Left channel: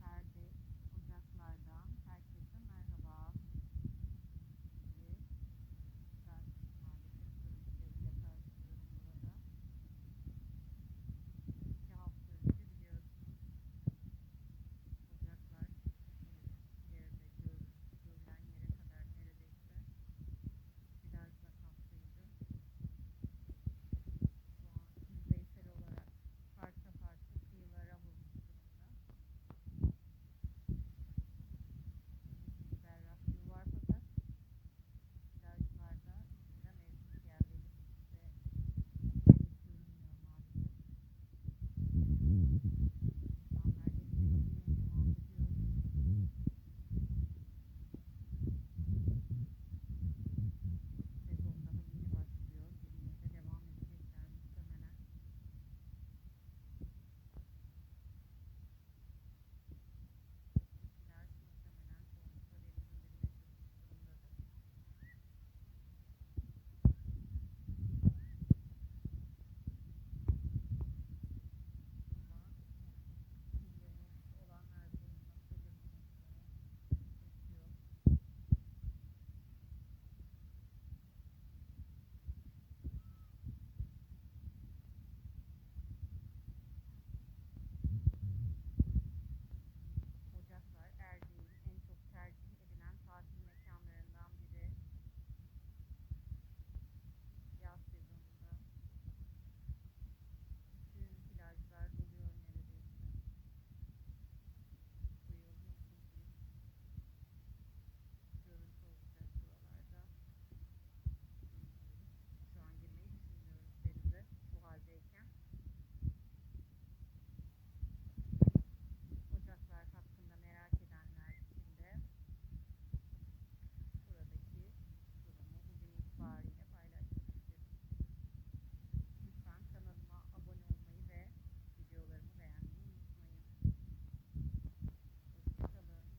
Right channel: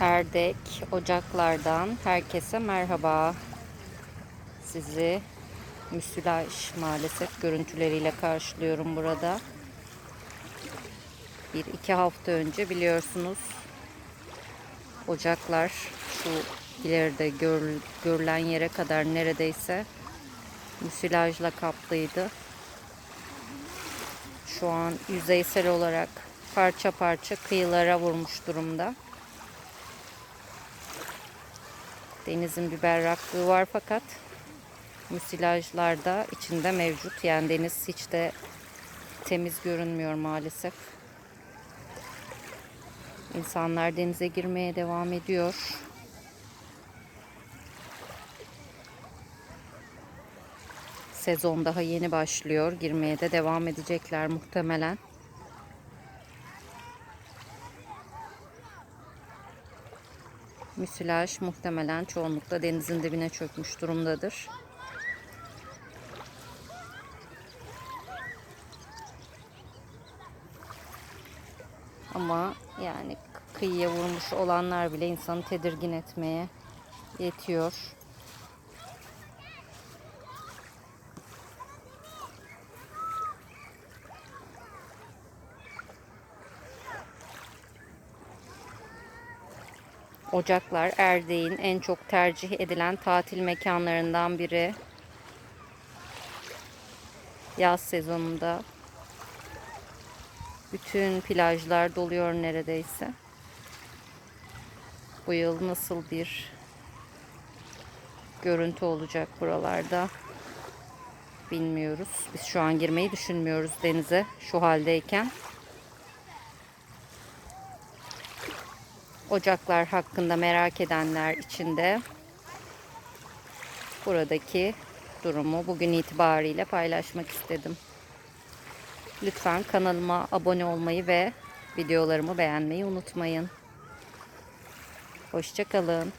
Erdek Ocaklardan herkese merhaba. Sizi müsilaj maalesef görüntüleriyle karşılıyorum burada. Bir iki hafta önce biliyorsunuz ocaklar şu ileride gör, görülen yere kadar neredeyse müsilajla kaplıydı. Şu an yüzeysel olarak parça parça kıyılara vurmuş durumda. Denizin bir berraklığı var fakat müsilajlar da içinde mevcut. Yani deniz hiç de temiz görünmüyor maalesef. İnsanlar denize girmeye devam ediyor. Sezon daha yeni başlıyor. Girmeye de devam edecekler muhtemelen. Müsilaj muhtemelen çoğunlukla denizin dibine çökmüş durumdadır. Ama yani kıyıya vurmuş olanlar bile insanı tedirgin etmeye yetiyor. Ocaklar Erdek'in en çok tercih edilen tatil mekanlarından biri. Yaz sezonunda bütün plajlar doluyor neredeyse. Bu yıl nasıl bir görüntü olacak buralarda bilmiyoruz. Biz şu an girmeyi düşünmüyoruz denize şu haldeyken. Ocaklar hakkında merak edenler için de buradaki durumu bugün itibariyle paylaşmak istedim. Lütfen kanalıma abone olmayı ve videolarımı beğenmeyi unutmayın. Hoşçakalın.